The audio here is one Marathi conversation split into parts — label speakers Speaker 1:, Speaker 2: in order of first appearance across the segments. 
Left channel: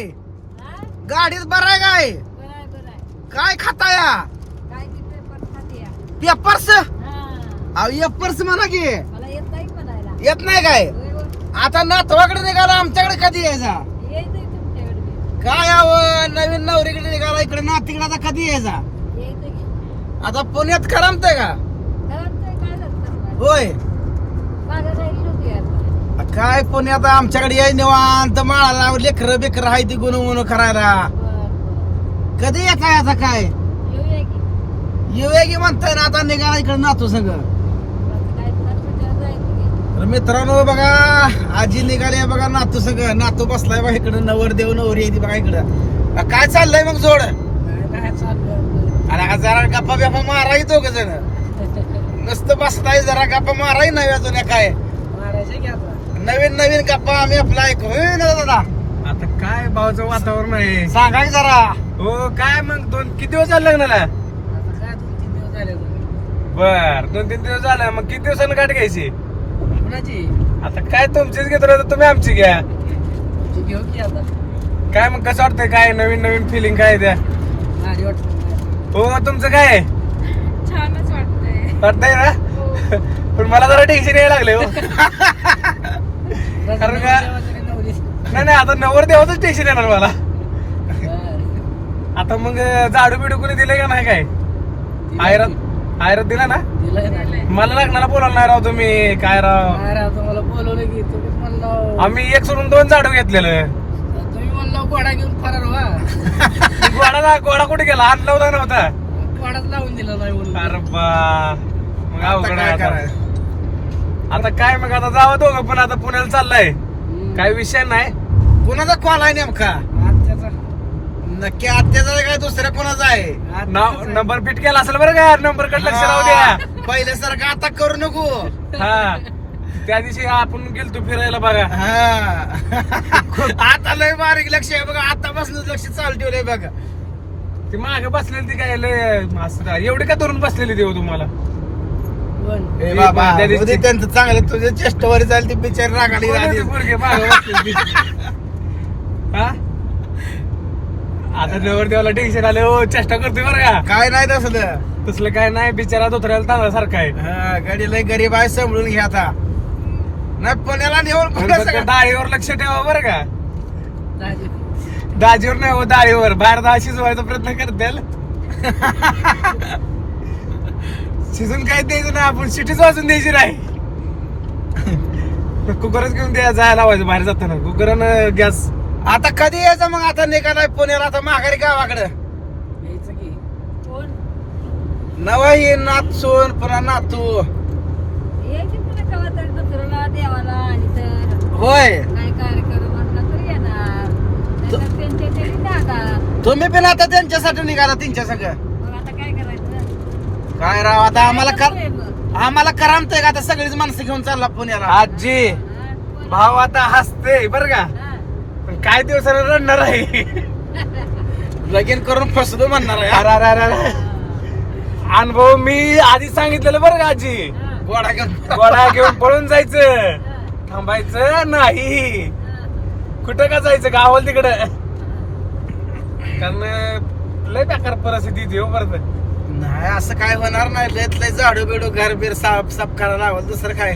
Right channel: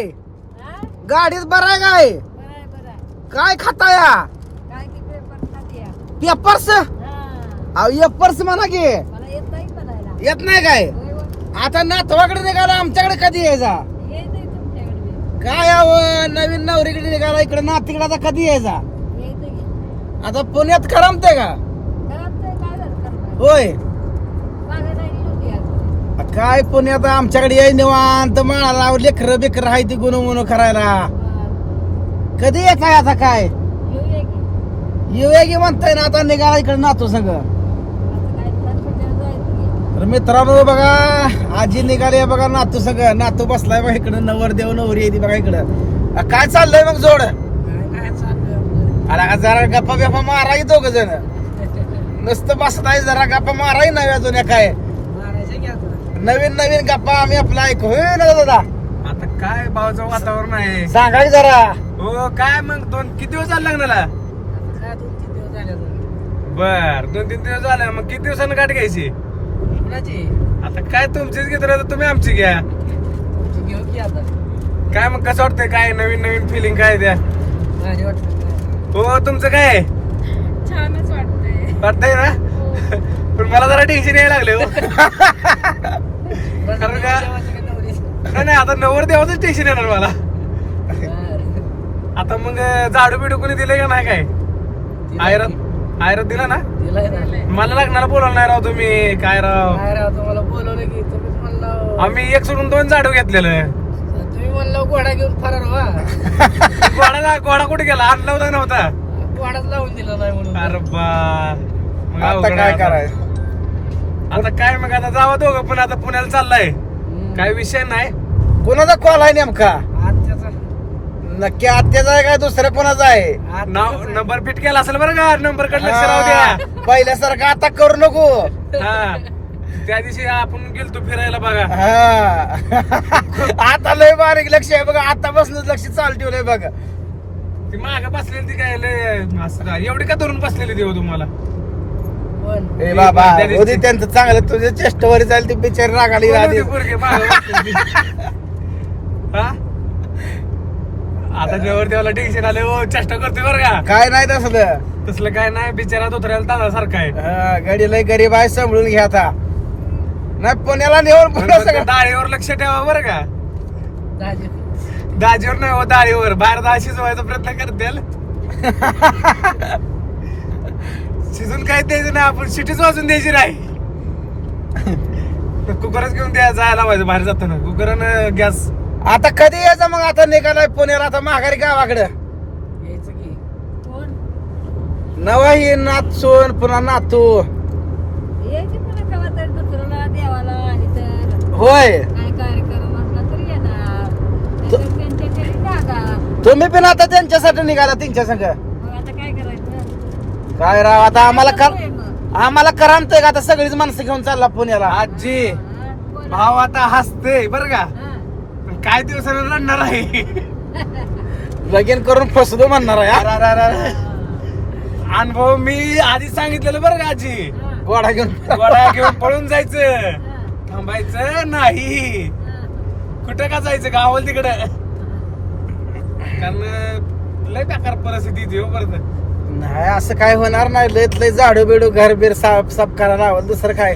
Speaker 1: काय? गाडीत बरं आहे काय. काय खाता या? पेपर्स. अहो म्हणा की
Speaker 2: येत नाही
Speaker 1: काय. आता नातवाकडे निघाला आमच्याकडे कधी यायचा. काय अहो नवीन नवरीकडे निघाला इकडे नातीकडे आता कधी यायचा. आता पुण्यात करमतंय का? होय काय पण आता आमच्याकडे याय निवांत माळाला लेकर बेकर आहे ती गुणगुण करायला. कधी यायचा आता काय?
Speaker 2: येऊया की.
Speaker 1: म्हणताय ना आता निघाला इकडे नातू सगळं तर मित्रांनो बघा आजी निघाली आहे बघा नातू सग. नातू बसलाय बघा इकडं नवर देव नवरी येते बघा इकडं. काय चाललंय मग जोड? अरे जरा गप्पा बिप्पा माराय दोघ जण. नुसतं बसताय जरा गप्पा माराय नाही जुन्या काय? नवीन नवीन गप्पा आम्ही आपला ऐकू. होय ना दादा?
Speaker 3: आता काय भावाचं वातावरण आहे?
Speaker 1: सांगा की जरा.
Speaker 3: हो काय मग? दोन किती दिवस झाले लग्नाला?
Speaker 2: आता काय दोन तीन दिवस झाले आता.
Speaker 3: बर दोन तीन दिवस झाला. मग किती दिवसानं गाठ घ्यायची? आता काय तुमचीच घेतो आता तुम्ही आमची घ्या. काय मग कसं वाटतंय? काय नवीन नवीन फिलिंग काय त्या. हो तुमचं काय?
Speaker 2: वाटतंय.
Speaker 3: वाटतंय ना? पण मला जरा टेन्शन यायला लागले हो. कारण का- नाही नाही आता नवर देवाच टेन्शन येणार मला. आता मग झाडू बिडू कोणी दिले का नाही काय? आयरन आयरन दिला ना? मला लग्नाला बोलवलं नाही राव तुम्ही. काय राव?
Speaker 2: तुम्हाला बोलवलं की तुम्ही म्हणलं.
Speaker 3: आम्ही एक सोडून दोन झाडू घेतलेलं.
Speaker 2: तुम्ही म्हणलं गोडा घेऊन फरार व्हा.
Speaker 3: गोडा गोडा कुठे गेला? आणला होता नव्हता.
Speaker 2: गोडाच लावून दिला नाही म्हणून.
Speaker 3: अरे बा. मग अवघड
Speaker 1: काय
Speaker 3: आहे आता. काय मग आता जावं दोघं पण आता पुण्याला चाललाय. काय विषय नाही.
Speaker 1: कोणाचा कॉल आहे नेमका? नक्की आत्याचा आहे का दुसऱ्या कोणाचा आहे?
Speaker 3: नाव नंबर फिट केला असेल बरं का? नंबरकडे लक्ष राहू द्या.
Speaker 1: पहिल्यासारखं आता करू नको.
Speaker 3: हा. त्या दिवशी आपण गेलतो फिरायला बघा.
Speaker 1: हा. आता लय बारीक लक्ष आहे बघा. आता बसलं लक्ष चालू ठेवलंय बघा.
Speaker 3: ती मागे बसलेली ती काय लय मस्त एवढी का धरून बसलेली देव तुम्हाला?
Speaker 2: पण
Speaker 1: ए
Speaker 3: ए,
Speaker 1: बाबा
Speaker 3: त्या दिवशी-
Speaker 1: उद्या त्यांचं चांगलं तुझ्या चेष्टवर जाईल ती बिचारी रागाली
Speaker 3: कोण पोरगी? मागे? हा? आता देवर देवाला टेन्शन आलं हो चेष्टा करतोय बरं का?
Speaker 1: काय नाही तसलं.
Speaker 3: तसलं काय नाही बिचारा धोत्र्याला तांदळासारखा आहे.
Speaker 1: हा, गडी लय गरीब आहे सांभाळून घ्या आता. नाही पुण्याला नेऊन पुन्हा
Speaker 3: फक्त
Speaker 1: सगळं-
Speaker 3: डाळीवर लक्ष ठेवा बरं का.
Speaker 2: दाजी
Speaker 3: दाजीवर नाही हो डाळीवर बाहेर डाळ शिजवायचा प्रयत्न करतील. शिजून काय द्यायचं नाही आपण शिटीच वाजून द्यायची नाही. कुकरच घेऊन द्या जायला लावायचं बाहेर जाताना. कुकरनं गॅस
Speaker 1: आता कधी यायचं मग? आता निघालाय पुण्याला आता माघारी गावाकडं.
Speaker 2: यायचं की. कोण?
Speaker 1: नवा ही नात सोन पुन्हा नातू. होय. तुम्ही पण आता त्यांच्यासाठी निघाला त्यांच्या संग
Speaker 2: मग आता काय करायचं
Speaker 1: काय राव आता आम्हाला कर? आम्हाला करमतंय का आता सगळीच माणसं घेऊन चालला पुण्याला
Speaker 3: आजी? भाव आता हसते बर का. पण काय दिवसानं रडणार आहे
Speaker 1: लगीन करून फसलो म्हणणार आहे
Speaker 3: अरे, अरे, अरे, अरे. अनुभव मी आधी सांगितलेलं बरं का आजी.
Speaker 1: गोडा घेऊन
Speaker 3: गोळा घेऊन पळून जायचं. थांबायचं नाही. कुठं का जायचं गावाला तिकडं कारण लय बेकार परिस्थिती ती हो परत
Speaker 1: नाही असं काय होणार नाही. लयत लय झाडू बिडू घर बीर साफ साफ करायला हवं दुसरं काय?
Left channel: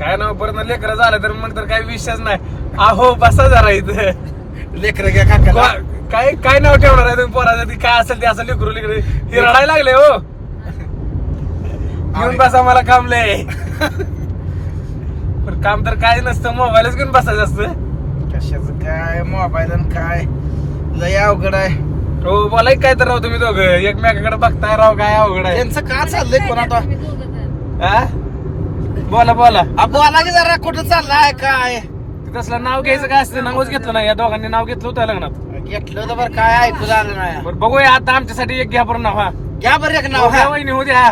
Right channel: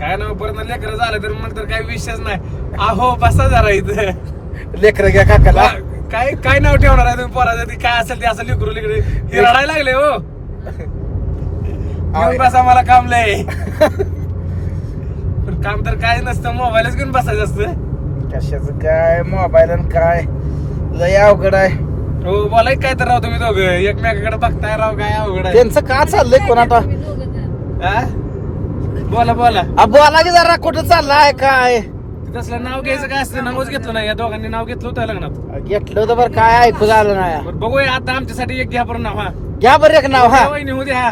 Speaker 3: काय नाव परत लेकर झालं तर मग तर काही विषयच नाही. अहो बसा जरा इथं.
Speaker 1: लेकर घ्या काकाला.
Speaker 3: काय काय नाव ठेवणार आहे तुम्ही पोराचं? ती काय असेल ते असं लेकरू लेकरू. हे रडायला लागले हो. घेऊन बसा मला काम लय. पण काम तर काय नसतं मोबाईलच घेऊन बसायचं असतं.
Speaker 1: कशाचं काय मोबाईल आणि काय? लय अवघड आहे.
Speaker 3: हो बोलाय काय तर राव तुम्ही दोघं. एकमेकाकडे बघताय राव काय अवघड आहे.
Speaker 1: त्यांचं का चाललंय कोणाटा.
Speaker 3: हा? बोला बोला.
Speaker 1: बोला की जरा कुठं चाललाय काय?
Speaker 3: तसलं नाव घ्यायचं काय असतं? नावच घेतलं नाही या दोघांनी. नाव घेतलं होतं लग्नात.
Speaker 1: घेतलं होतं बरं काय ऐकू झालं नाही.
Speaker 3: बरं बघूया आता आमच्यासाठी एक घ्या बरं नाव हा.
Speaker 1: घ्या बरं एक नाव हा.
Speaker 3: वहिनी, हो द्या.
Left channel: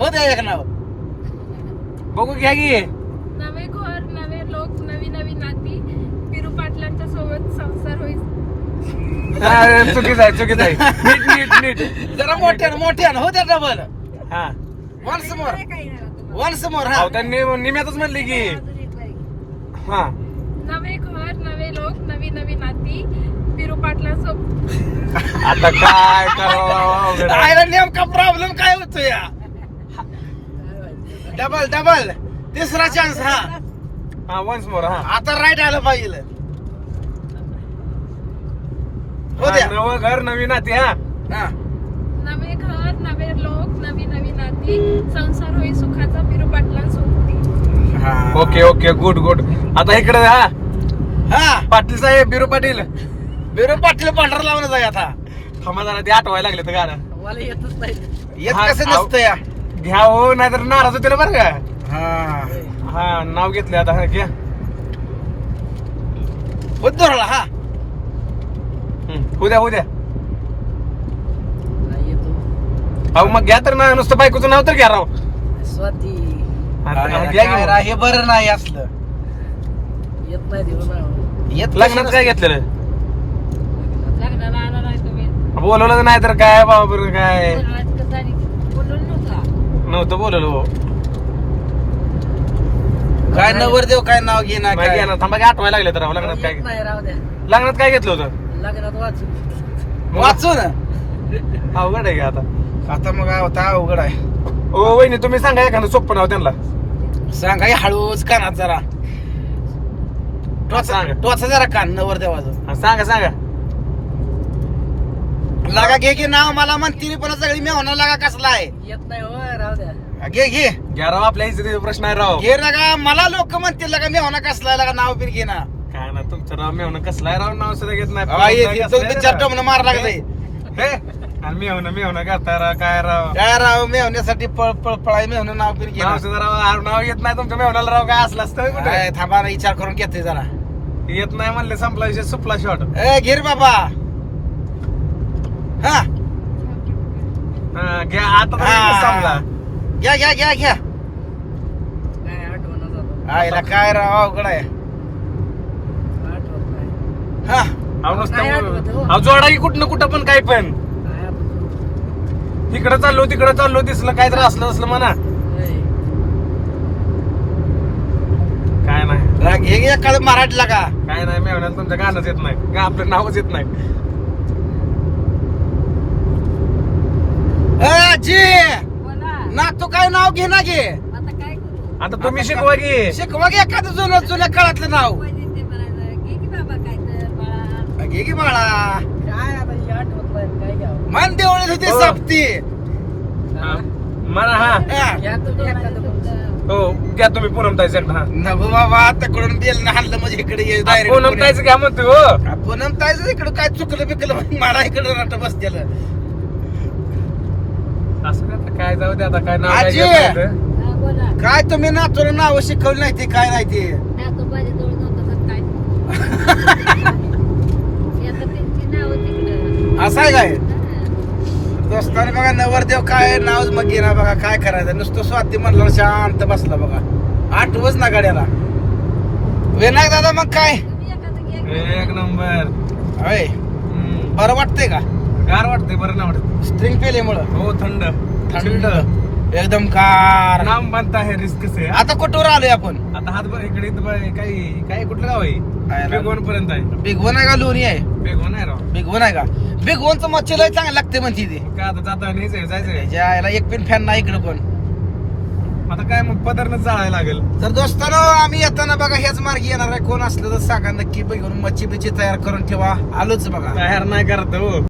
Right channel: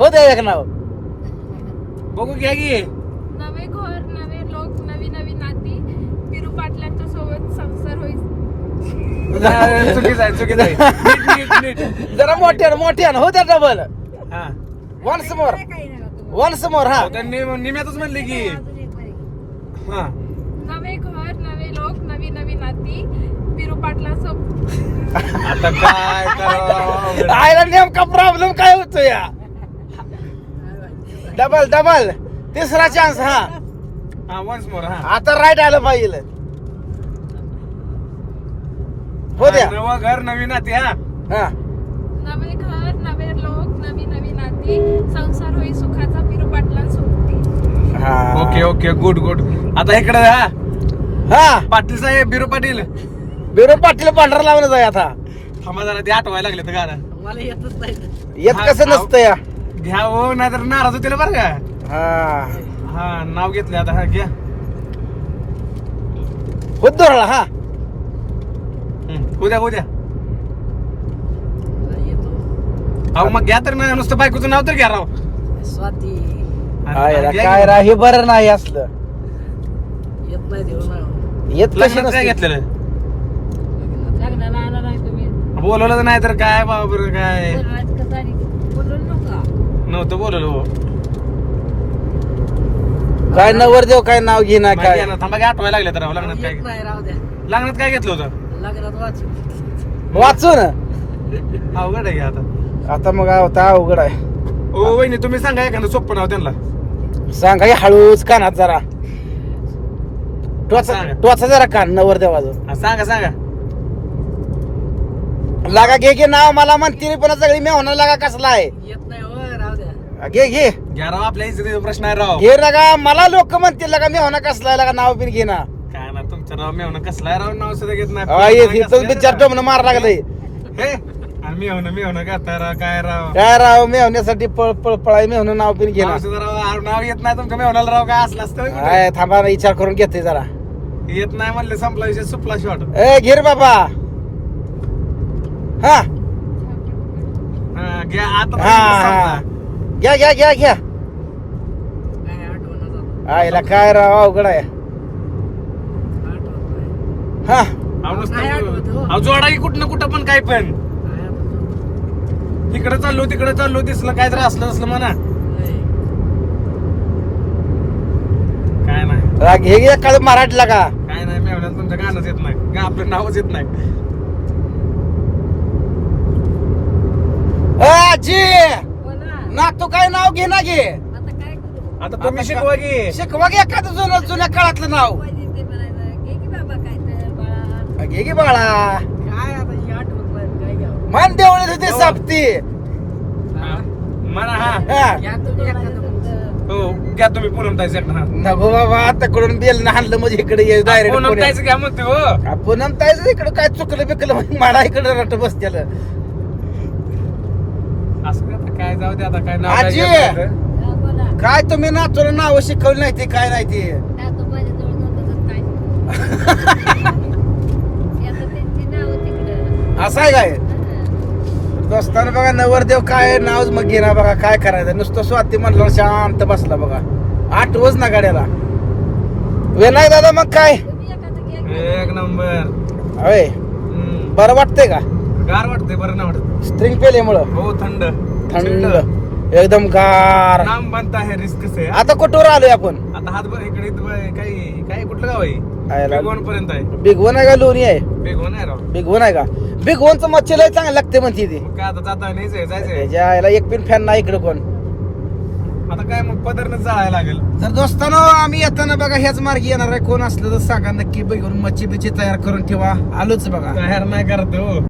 Speaker 1: हो द्या एक नाव.
Speaker 3: बघू घ्या की.
Speaker 4: नवे घर नवे लोक नवी नवी नाती. पिरू पाटलांच्या सोबत संसार होईल.
Speaker 3: नाही, चुकीचं आहे चुकीचं आहे. नीट नीट नीट.
Speaker 1: जरा मोठ्यानं मोठ्यानं हो द्या डबल
Speaker 3: हा
Speaker 1: वन्स मोर
Speaker 2: काय नाही होत तुम्हाला.
Speaker 1: वन्स मोर हा.
Speaker 3: अहो, त्यांनी निम्यातच म्हणली की. हा.
Speaker 4: नवे घर नवे लोक नवी नवी नाती पिरू पाटलांसोबत
Speaker 3: आता काय करावं?
Speaker 1: आयला नेमका प्रॉब्लेम काय होतो या डबल डबल तिसरा चान्स हा.
Speaker 3: हा वन्स मोर हा.
Speaker 1: आता राईट आलं पाहिजे हो द्या.
Speaker 3: नवं घर नवीन नाती हा.
Speaker 1: हा.
Speaker 4: नवे घर नवे लोक नवी नवी नाती. संसार होई सुखाचा पिरू
Speaker 1: हा.
Speaker 3: ओके ओके गुड गुड आता इकडे हा
Speaker 1: हा.
Speaker 3: पाटील साहेब बिरू पाटील.
Speaker 1: बिरो पाटील पांढरा लावून आहे आता.
Speaker 3: थांबा जरा ते आठवायला लागले तर गाणं
Speaker 5: मला येतच नाही.
Speaker 1: येत
Speaker 3: हा,
Speaker 1: कसं
Speaker 3: हा.
Speaker 1: नसतं या
Speaker 3: घ्या हो नाहीतर नाराज होतील बरं का.
Speaker 1: हा.
Speaker 3: हा नाव घेतलं आता हा घ्या.
Speaker 1: उद्धवला हा.
Speaker 3: उद्या उद्या.
Speaker 5: नाही येतो.
Speaker 3: अहो मग घ्या तर ना नुसतं बायकोचं नाव तर घ्या राव.
Speaker 5: स्वाती.
Speaker 1: काय हे बरं नाही असलं.
Speaker 5: येत नाही देऊ ना.
Speaker 1: येत
Speaker 3: लग्नात काय. घेतलेलं?
Speaker 2: लग्नाला आला नाही तुम्ही.
Speaker 3: बोलवलं नाही तर काय बाबा बरं काय?
Speaker 2: बोलवायचं कसं आणि बोलून नका.
Speaker 3: नव्हतं बोलवलं हो.
Speaker 1: काय नवर देव काय नाव घे ना
Speaker 3: मग
Speaker 1: काय?
Speaker 3: थांबा की आठवायला लागले तर लग्नात काय
Speaker 5: येत नाही राहू द्या.
Speaker 3: लग्नात काय घेतलं होतं?
Speaker 5: लग्नात वाचून.
Speaker 1: वाचून?
Speaker 3: अवघड आहे का आता?
Speaker 1: आता मग आता अवघड आहे.
Speaker 3: ओ वहिनी तुम्ही सांगा एखादं सोपं नाव त्यांना.
Speaker 1: सांगा हे हळूच कानात जरा. टोचा
Speaker 3: सांगा.
Speaker 1: टोचा जरा कान नवर देवाचं.
Speaker 3: हा, सांगा सांगा.
Speaker 1: लागा घे घे नाव मला म्हणते पण सगळी मेहना लागा कसला आहे?
Speaker 5: येत नाही हो राहू द्या.
Speaker 1: घे घे.
Speaker 3: घ्या राव आपल्या इथे प्रश्न आहे राव.
Speaker 1: घे लगा. मला लोक म्हणतील लगा मेहना कसला आहे लगा नाव बिन घे
Speaker 3: आहे राव नाव सुद्धा घेत नाही.
Speaker 1: मार लागले
Speaker 3: राव काय राव?
Speaker 1: काय राव मेहण्यासाठी पळ पळ पळाय मेहणं नाव बिन घे
Speaker 3: नाव
Speaker 1: ना
Speaker 3: सुद्धा राव नाव येत नाही तुमच्या मेवणाला राव काय असलं असतं
Speaker 1: थांबा ना, विचार करून घेते जरा.
Speaker 3: येत नाही म्हणले संपला विषय सुपला शॉट
Speaker 1: ए घे रे बाबा. हा.
Speaker 3: घ्या आता तर
Speaker 1: हा. घ्या घ्या घ्या घ्या.
Speaker 5: काय
Speaker 1: राव अवघड आहे. हा.
Speaker 3: अहो, नुसतं-
Speaker 5: नाही आठवत हो.
Speaker 3: अहो, जोडा की कुठनं कुठं पण काय पण.
Speaker 5: काय आठवत
Speaker 3: इकडं चाललो तिकडं चाललो दिसलं काय तर असलं असलं म्हणा.
Speaker 5: नाही.
Speaker 3: काय नाही.
Speaker 1: राग हे मराठीला का?
Speaker 3: काय नाही मेवण्यात तुमचं गाणंच येत नाही. का आपलं नावच येत नाही?
Speaker 1: ए, आजी!
Speaker 2: बोला.
Speaker 1: ना तू काय नाव घे ना घे.
Speaker 2: आता काय करू?
Speaker 3: आता तुम्ही शिकवा की.
Speaker 1: शिकवा घे एखादं जुनं जुन्या काळातलं नाव
Speaker 2: ते म्हणायचं घे की बाबा काय तर बाळा
Speaker 1: घे की बाळा?
Speaker 5: काय आता ही आठवत नाही काय घ्यावं?
Speaker 1: मान देवळी होती
Speaker 3: हो.
Speaker 1: सापती.
Speaker 3: हा. हा.
Speaker 1: हा.
Speaker 5: घ्या तुम्ही
Speaker 3: हो घ्या तुम्ही पूनम ताईचं एकदा हा
Speaker 1: नको बाबा आता कडून बेल हाणलं म्हणजे इकडे ये
Speaker 3: पूनम ताईचं घ्या म्हणतो हो.
Speaker 1: पुनम ताईचं इकडे काय चुकलं बिकलं म्हणजे माडा इकडे रट बसतेल
Speaker 3: असं का आता काय जाऊ दे आता काय नाव काय.
Speaker 2: हा, बोला.
Speaker 1: तुम्ही ना तुला नाव शिकवली नाही ते काय नाही ते?
Speaker 2: त्या तो माझ्या जवळ नव्हतं तर काय हे आता त्यांची नाव तिकडं
Speaker 1: असं आहे काय. दोस्ताना बघा नवरदेव काय नाव मग घेणार बघा काय करायचं नुसतं स्वाती म्हणलं शांत बसला बघा. आठवच ना गाड्याला. विनायक दादा मग काय.
Speaker 3: एक नंबर. हम्म.
Speaker 1: बरं वाटतंय का?
Speaker 3: गार वाटतंय बरं नाही वाटत.
Speaker 1: स्ट्रिंग पेल्यामुळं
Speaker 3: हो थंड.
Speaker 1: थंड. एकदम गार.
Speaker 3: नाम बनता है रिस्क से
Speaker 1: आता कुठवर आलोय आपण?
Speaker 3: आता हात ब- इकडे काही काय कुठलं गाव आहे? बेगोन पर्यंत आहे.
Speaker 1: बिगवण आहे का लोणी आहे?
Speaker 3: बेगोन आहे राव.
Speaker 1: बिगवण आहे का? बिगवणचं मच्छी लय चांगलं लागते म्हणते ती.
Speaker 3: काय आता जाता आहे. जायचंय
Speaker 1: आईला एक पिन फॅन नाही इकडं पण.
Speaker 3: आता काय मग पदरनच जाळायला लागेल.
Speaker 1: तर दोस्तानो आम्ही येताना बघा ह्याच मार्गी येणार आहे. कोण असलं तर सांगा नक्की. बघून मच्छी बिच्छी तयार करून ठेवा. आलोच बघा.
Speaker 3: तयार नाही करत हो.